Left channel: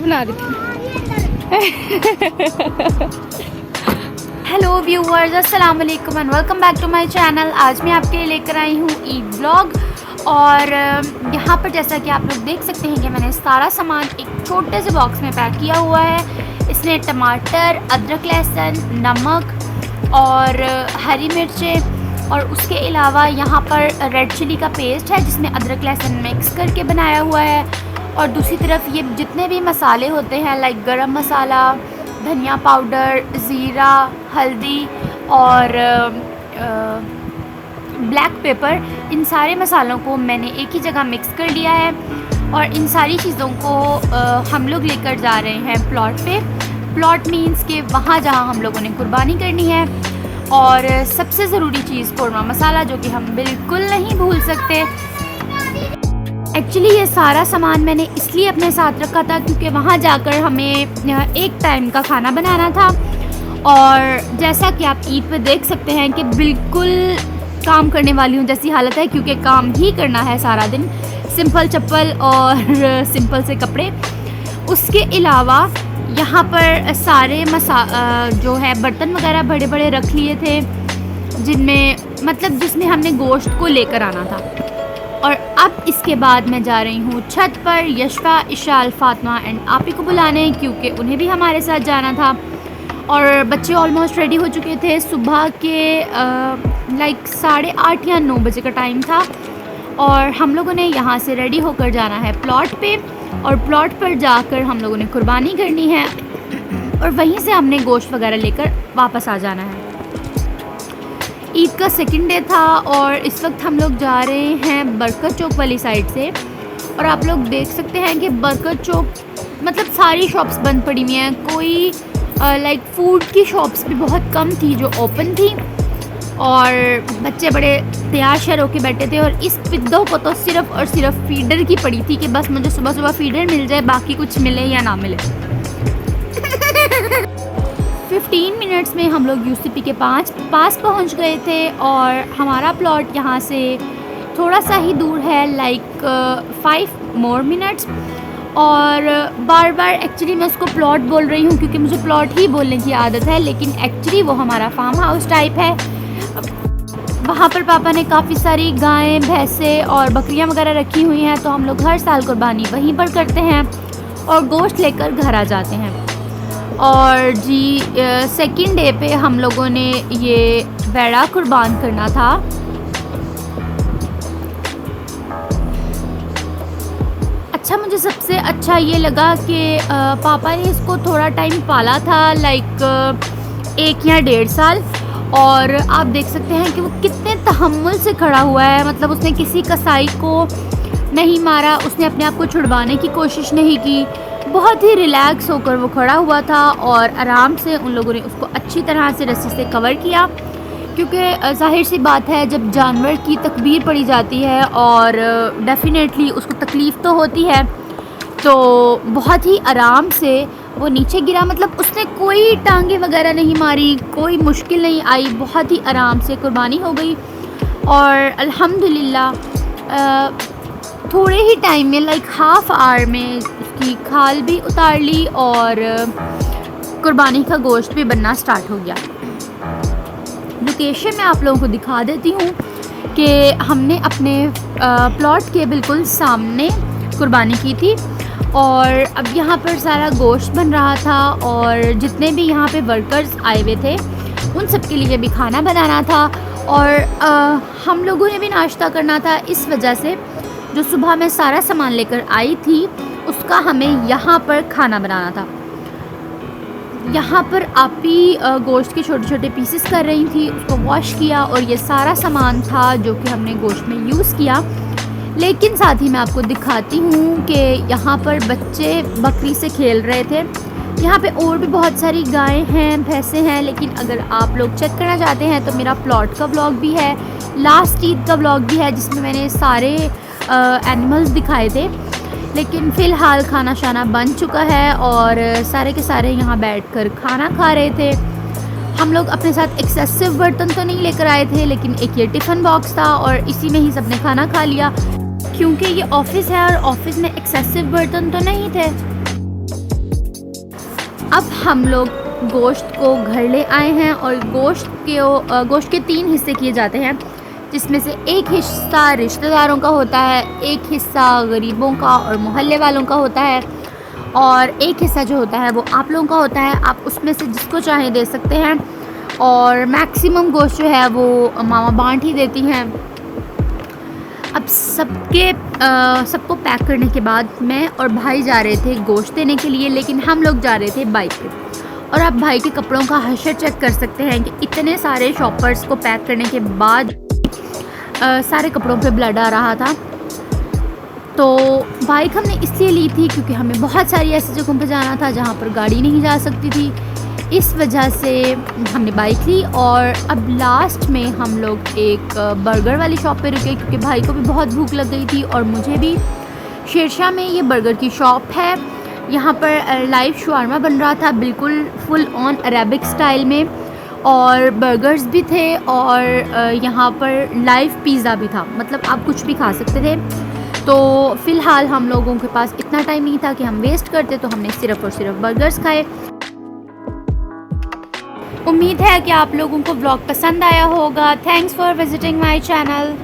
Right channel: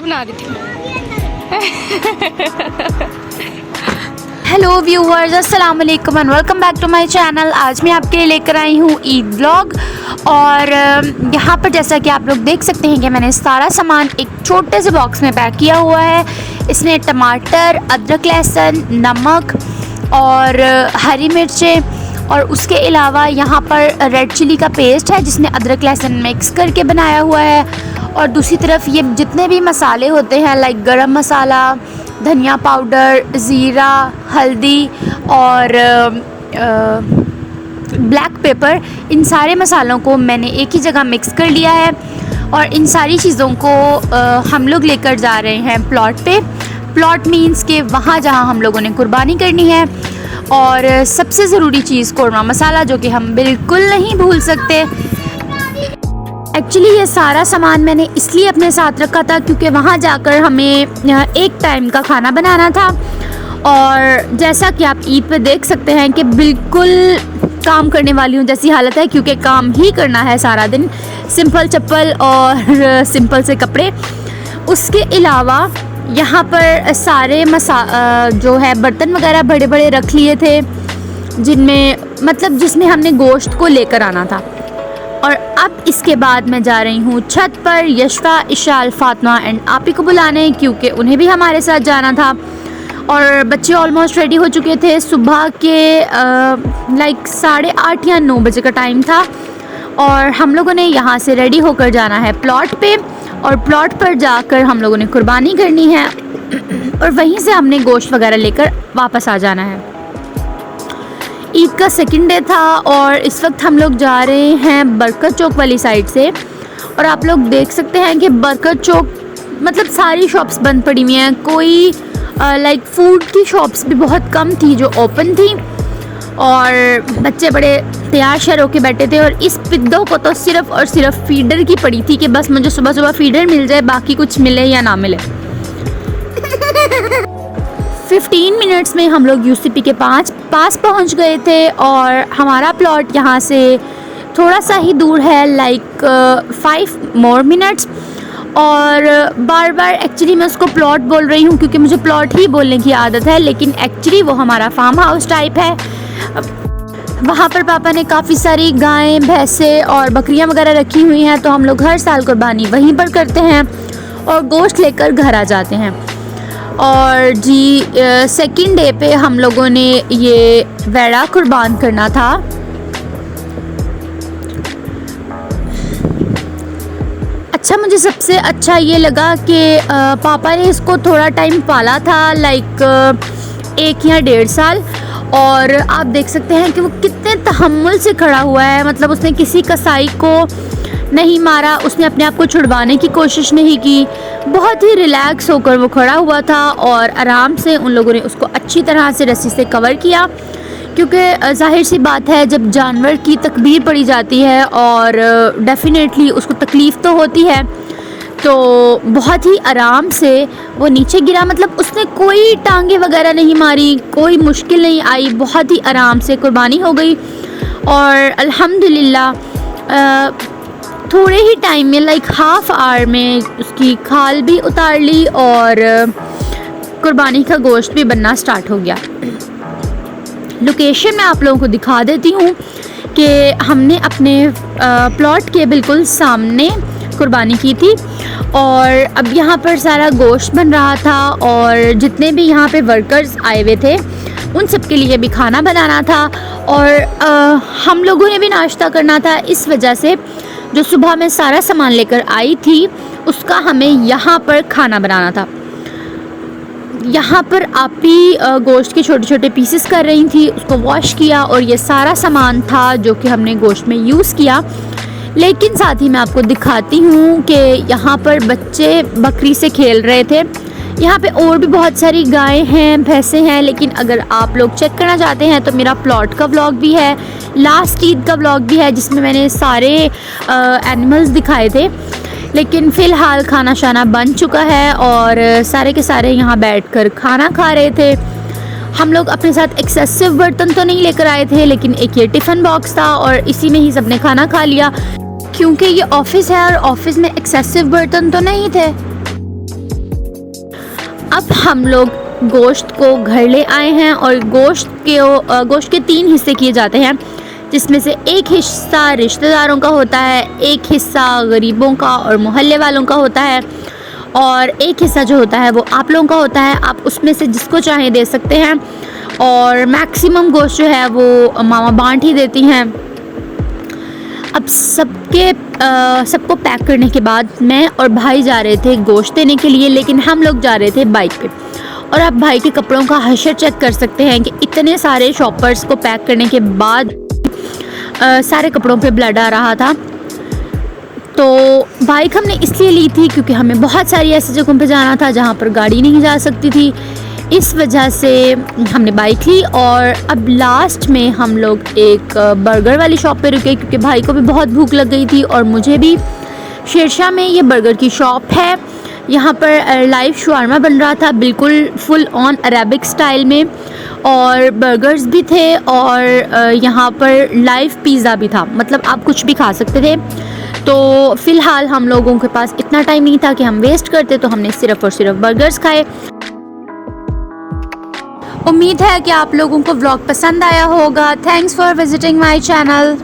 Video बना रही थी। हेलो व्यूअर्स, अस्सलाम वालेकुम and welcome back to my channel. आज मैं आपके लिए लेकर आई हूँ ईद व्लॉग। और यहाँ पर जैसा कि आप लोग देख सकते हैं कि मैंने सारा सामान एक छोटे से बॉक्स में पैक किया हुआ है। इसमें टमाटर, अदरक, लहसुन, नमक और हरी मिर्चें और उसके अलावा यहाँ पर रेड चिली का पेस्ट है जिसमें अदरक लहसुन मिक्स करके बनाया हुआ है। और दूसरी तरफ ये जितने भी मसाले होते हैं लाइक गरम मसाला, धनिया पाउडर, ज़ीरा, हल्दी और ब्लैक पेपर, इन सारे मसालों को मैंने एक ही जगह मिक्स कर लिया है। और इन सारी चीज़ों को हम लोग लेकर जा रहे हैं प्लॉट पे। प्लॉट मीन्स के वहाँ जहाँ हम लोगों ने कुर्बानी करनी है। और सबसे ज़रूरी चीज़ कौरमा मसाला, जो कि हम बिल्कुल नहीं भूल सकते। एक्चुअली ये सारा सामान मैंने इसलिए अपने साथ रखा था क्योंकि वहाँ जाकर हमें एक टाइम का खाना बनाना था। और जैसा कि आप ईद पे देख सकते हैं कि बिल्कुल काम करने वाली हूँ जैसी हालत है, क्योंकि काम ही करना है सारा दिन, सिंपल चप्पल और सिंपल से कपड़े। उसके अलावा यहाँ पर सारे जो है बर्तन वगैरह बड़े बड़े रख लिए थे जिसमें हमने गोश्त को लेकर आना था। और अब इसके बाद मैं जा रही हूँ छत पर यशफा, इशाल, फातिमा एंड आपी को बुलाने, क्योंकि उन्हें भी हमारे साथ जाना था। और बच्चे ऑलमोस्ट रेडी हो चुके थे। सुबह के लाइक 8:30 या 9 बजे का टाइम था। और हम लोगों ने यहाँ से रेडी होकर जाना है प्लॉट पे। और प्लॉट पर जाकर हम लोगों ने कुर्बानी करनी है और वहीं से हमने गोश्त वगैरह लेकर वापस आ जाना है। ईद का सेकंड डे था और इस वक्त हम लोग जा रहे हैं बरकत चौक वाली साइड से। और आप लोग देख सकते हैं कि बरकत चौक सारी शॉप्स बंद पड़ी हुई हैं। कोई लाइक फूड की शॉप्स भी बहुत कम थी जो ओपन थी। और बच्चे बड़े तैयार शर होके बैठे थे। और इस पिद्दों को तो सिर्फ़ और सिर्फ फीडर की पड़ी थी कि बस मुझे सुबह सुबह फीडर मिल जाए, बाकी कुछ मिले या ना मिले। 15 मिनट्स में हम लोग यूसीपी के पास पहुंच गए थे। और हमारा प्लॉट यहाँ से थोड़ा सा ही दूर है, लाइक 5 मोर मिनट्स। और बार बार एक्चुअली मैं उसको प्लॉट बोल रही हूँ क्योंकि मुझे प्लॉट ही बोलने की आदत है, लेकिन एक्चुअली वो हमारा फार्म हाउस टाइप है। वहाँ पर पापा ने काफ़ी सारी गायें, भैंसें और बकरियाँ वगैरह रखी हुई हैं, तो हम लोग हर साल कुर्बानी वहीं पर करते हैं और गोश्त लेकर घर आ जाते हैं। और जी सेकंड डे पे हम लोगों ने ये वेड़ा कुर्बान करना था। अच्छा, मुझे सबसे अच्छा ये लगा कि पापा ने इसको थोड़ा टाइम पाला था, लाइक 1 या 1.5 साल। और आप देख सकते हैं कि वो कितने तहम्मुल से खड़ा हुआ है। उसने किसी कसाई को नहीं मारा, उसने अपने आप को छुड़वाने की कोशिश नहीं की। बहुत ही रिलैक्स होकर वो खड़ा हुआ था और आराम से उन लोगों ने उसको अच्छी तरह से रस्सी से कवर किया, क्योंकि जाहिर सी बात है जब जानवर की तकबीर पड़ी जाती है और डेफिनेटली उसको तकलीफ़ तो होती है, तो बहुत ही आराम से वो नीचे गिरा। उसने कोई टांगे वगैरह नहीं मारी, कोई मुश्किल नहीं आई, बहुत ही आराम से कुर्बानी हो गई। और अल्हम्दुलिल्लाह थोड़े ही टाइम में, लाइक हाफ आवर में, उसकी खाल भी उतार ली और कुर्बानी का गोश्त भी बनना स्टार्ट हो गया। लोकेशन मैं आप लोगों को दिखा देती हूँ कि हमने अपने प्लॉट के बिल्कुल सामने कुर्बानी की थी। और अब यहाँ पर सारा गोश्त बन रहा था और जितने भी यहाँ पे वर्कर्स आए हुए थे उन सब के लिए भी खाना बनाना था। और हम लोगों ने भी नाश्ता करना था, इस वजह से जो सुबह में सारा सामान लेकर आई थी उसका हमें यहाँ पर खाना बनाना था। यहाँ पर आपी गोश्त के छोटे छोटे पीसेस कर रही थी, उसको वॉश किया और ये सारा सामान था जो कि हमने गोश्त में यूज़ किया। लेकिन साथ ही मैं आपको दिखाती हूँ कि यहाँ पर बच्चे बकरी से खेल रहे थे। यहाँ पे और भी बहुत सारी गायें हैं, भैंसें हैं, लेकिन अगर आप लोग चेक करना चाहते हैं तो मेरा प्लॉट का व्लॉग भी है, लास्ट ईद का व्लॉग भी है, जिसमें मैंने सारे एनिमल्स दिखाए थे। लेकिन फ़िलहाल खाना शाना बन चुका है और सारे के सारे यहाँ बैठकर खाना खा रहे थे। हम लोग अपने साथ एक्सेसिव बर्तन तो नहीं लेकर आए थे, लेकिन एक ये टिफ़िन बॉक्स था और इसी में ही सबने खाना खा लिया, क्योंकि ये ऑफ़िस है और ऑफ़िस में एक्सेसिव बर्तन तो नहीं थे। हम लोग गोश्त को घर ले आए हैं और गोश्त के 3 हिस्से किए जाते हैं, जिसमें से एक हिस्सा रिश्तेदारों का होता है, एक हिस्सा गरीबों का और मोहल्ले वालों का होता है, और एक हिस्सा जो होता है वो आप लोगों का होता है। आप उसमें से जिसको चाहें दे सकते हैं, और मैक्सिमम गोश्त जो है वो मामा बांट ही देती हैं। अब सबको पैक करने के बाद मैं और भाई जा रहे थे गोश्त देने के लिए, लेकिन हम लोग जा रहे थे बाइक पे। और आप भाई के कपड़ों का हशर चेक कर सकते हैं कि इतने सारे शॉपर्स को पैक करने के बाद सारे कपड़ों पे ब्लड आ रहा था। तो बाइक हमने इसलिए ली थी क्योंकि हमें बहुत सारी ऐसी जगहों पे जाना था जहाँ पर गाड़ी नहीं जा सकती थी, इस वजह से हमने बाइक ली। और अब लास्ट में हम लोग एक बर्गर वाली शॉप पे रुके क्योंकि भाई को भी बहुत भूख लग गई थी और मुझे भी। शेरशाह में ये बर्गर की शॉप है, यहाँ पर लाइव शवारमा बन रहा था, बिल्कुल फुल ऑन अरेबिक स्टाइल में, और बर्गर्स भी थे, और यहाँ पर लाइव पिज़्ज़ा भी था, मतलब आप कुछ भी खा सकते थे। तो फ़िलहाल हम लोगों के पास इतना टाइम नहीं था कि हम वेस्ट करते, तो हमने सिर्फ़ और सिर्फ बर्गर्स खाए। उम्मीद है कि आप लोगों को व्लॉग पसंद आया होगा। Thanks for visiting my channel.